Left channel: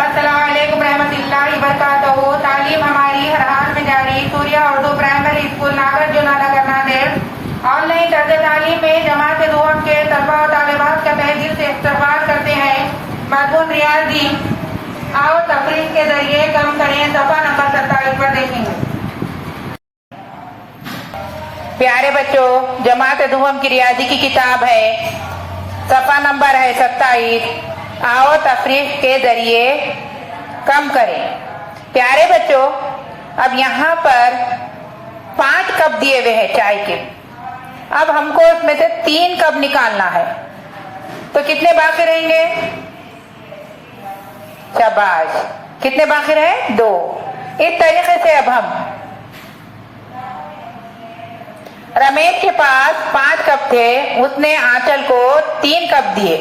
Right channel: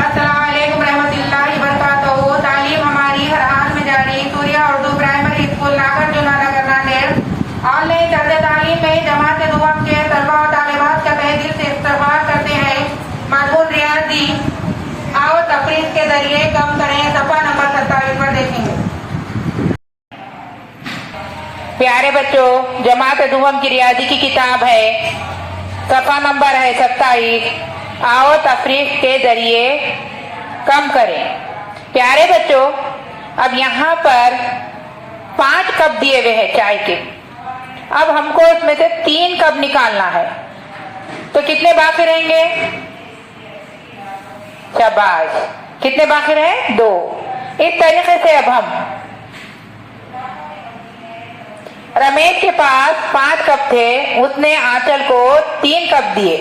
अस्सलामुअलैकुम रहमतुल्लाहि वबरकातुहू। तालीम हमारी हर हाल में जारी। सूर्या उर्दू प्राइमरी स्कूल नागर जूनानगर नांदेड़ ऑनलाइन तर्ज तालीम में जमात दुआम के तलबा और तालिबात का तहे दिल से इस्तकबाल करते हैं। मजमून रियाजी आओ तफरीक के जरिए कम करें। सफा नंबर 27 पर देखेंगे। प्यारे बच्चों, जमात दुआम की रियाजी की किताब है, सफा नंबर है 27। आओ तफरीक के जरिए कम करें। प्यारे बच्चों, अब यहाँ पर 5 कप दिए हुए हैं चाय के। अब हमको उसमें से 3 कप निकालना है, तो कितने बाकी रहेंगे? शाबाश, कितने बाकी रहे? 2। इस तरीके से अब हम रमेश के पास 5 कप थे, उसने आंचल को 3 कप दिए।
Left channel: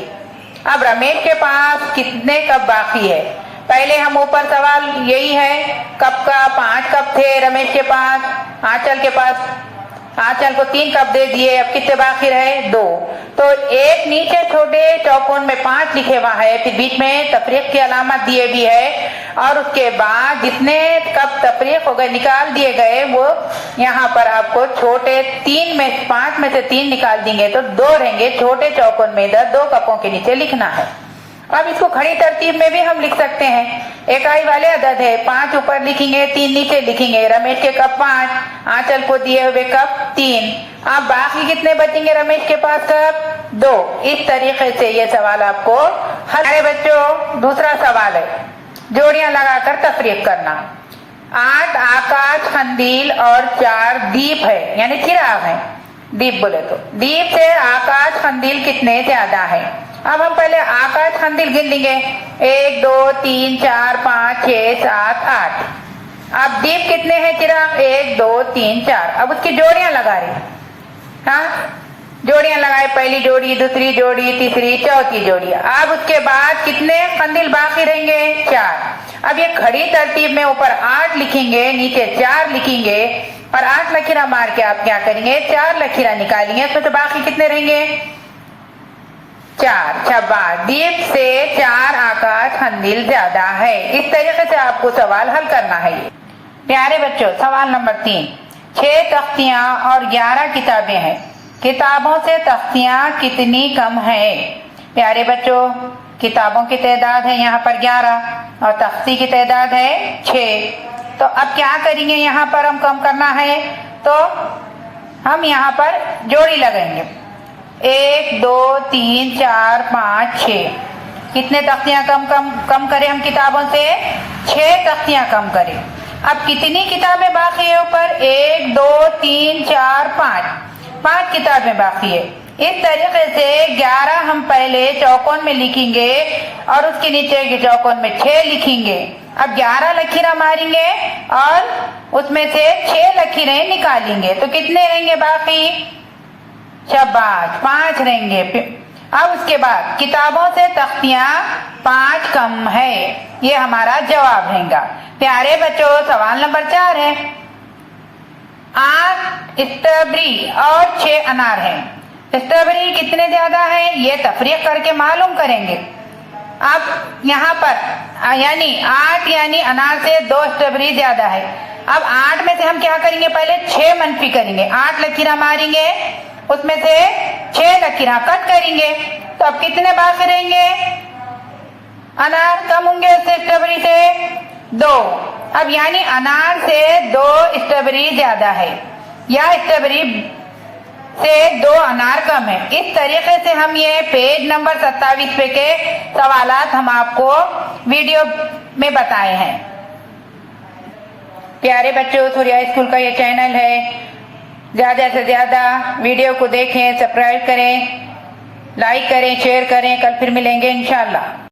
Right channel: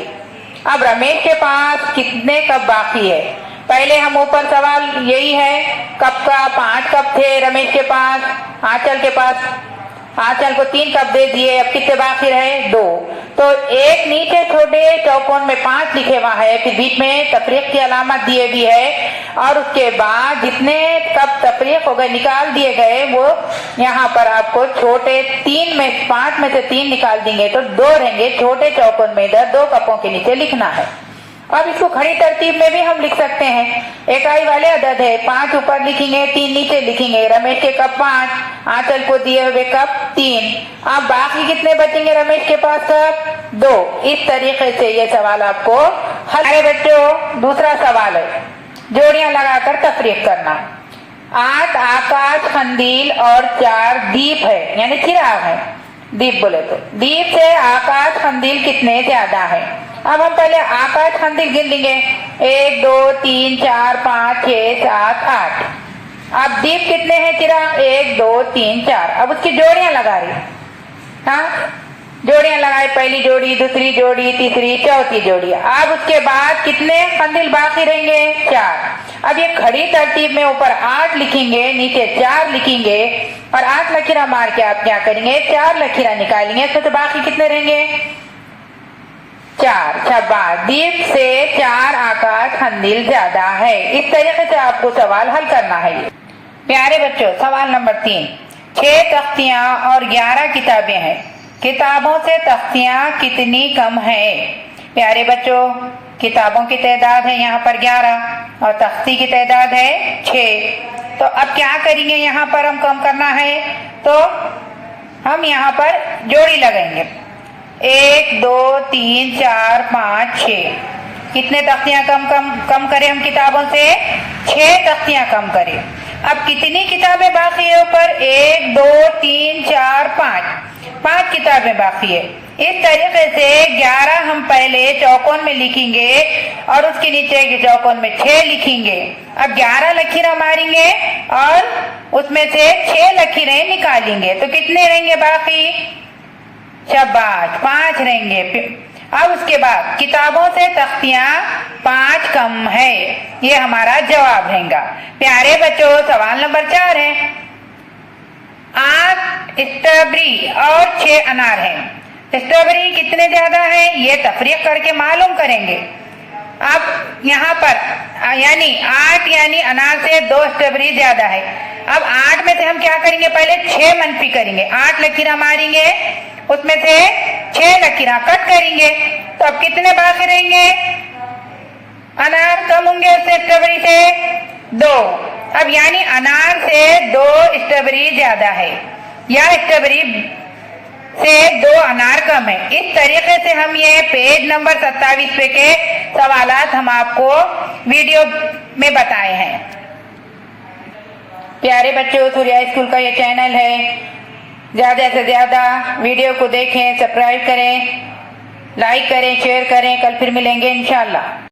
अब रमेश के पास कितने कप बाकी है? पहले हम ऊपर सवाल यही है, कप का 5 कप थे रमेश के पास, आंचल के पास आंचल को 3 कप दे दिए। अब कितने बाकी रहे? 2। तो एक नीचे छोटे चौकोन में 5 लिखे हुआ है, फिर बीच में तफरीक की अलामत दिए भी है, और उसके बाद जितने कप तफरीक हो गए निकाल दिए गए, वो यहाँ पर आपको छोटे 5 में से 3 निकाल देंगे तो 2 रहेंगे। छोटे चौकोन में इधर 2 कपों के नीचे लिखना है। अब इसको खड़ी तरतीब में भी हम लिख सकते हैं। इकाई वाले अदद है, 5 ऊपर लिखेंगे, 3 नीचे लिखेंगे। रमेश के कप 5, आंचल को दिए हुए कप 3। अब बाकी कितने बचेंगे रमेश के पास कप? 2। इस तरीके से ये सवाल आपको हल। अरे बच्चों, दूसरा सवाल है, जोड़ियां लगाकर तफरीक करना। 8 आकाश कंदील और 4 दीप है, यानी चिराग है। दीप बोले तो दीप से आकाश कंदील कितने ज्यादा है? अब हम पहले आकाश कंदील गिन लेंगे। 1 2 3 4 5 6 7 8। अब दीप कितने हैं चिराग? 1 2 3 4। अब उसकी जोड़ियां लगा रही। हाँ, जोड़ियां लगाए, पहली जोड़ी, दूसरी जोड़ी, तीसरी, चौथी जोड़ी। अब उसके बाद कितने कंदील बाकी रहेंगे? 4। अब ये खड़ी तरतीब में ऊपर 8 लिखेंगे, नीचे 4 लिखेंगे, और 8 लकीरा मार के आप क्या करेंगे? 4 लकीरा निकालेंगे, तो बाकी कितने रहेंगे? 4। शाबाश, दीप से 4 आकाश कंदील ज्यादा है। इस तरीके से आपको सवाल हल करना है। प्यारे बच्चों, सवाल नंबर 3। 6 तख्तियां और 11 किताबें हैं, किताबों से तख्तियां कितनी कम है? प्यारे बच्चों, किताबों की तादाद है यहाँ पर 11 और तख्ती की तादाद है 6। तो अब क्या करेंगे? यहाँ पर हम कम करना है, तो हम यहाँ पर जोड़ी लगाएंगे। 1 2 3 4 5 6। कितने तख्तियां कम करें हम किताबों से? 6 तख्तियां कम करें। अब कितनी किताबें बाकी है ऊपर? 1 2 3 4 5 किताबें बाकी है। इस तरीके से 11 हम पहले चौकोन में लिखेंगे और उसके नीचे के चौकोन में 6 लिखेंगे। अब 11 लकीरें मारेंगे और उसमें से 6 लकीरें निकालेंगे, तो कितने रहेंगे बाकी? शाबाश, 5 रहेंगे। अब उसके बाद किताबों से तख्तियां 5 कम है, ये हमारा जवाब रहेगा। प्यारे बच्चों, सवाल नंबर 4 है। 8 स्ट्रॉबेरी और 6 अनार हैं, स्ट्रॉबेरी कितने ज्यादा है? ये तफरीक करके मालूम करेंगे। अब यहाँ पर यानी 8 यानी अनार से 2 स्ट्रॉबेरी ज्यादा है। अब 8 में से हम क्या करेंगे? पहले 6 मनफी करेंगे, 8 लकीरा मारेंगे, उसमें से 6 लकीरा कट करेंगे, तो अब कितने बाकी रहेंगे? अनार कम होंगे उससे, स्ट्रॉबेरी से 2। अब यानी अनार से 2 स्ट्रॉबेरी ज्यादा है, या स्ट्रॉबेरी से 2 अनार कम है। इस तरीके से हम ये पेज नंबर 27 पे के सवालात हम आपको वीडियो में बताए हैं। प्यारे बच्चों, सूर्या स्कूल का ये चैनल है, ज्यादा से ज्यादा वीडियो को देखें, सब्सक्राइब करें, लाइक करें, शेयर करें। कल फिर मिलेंगे इंशाल्लाह।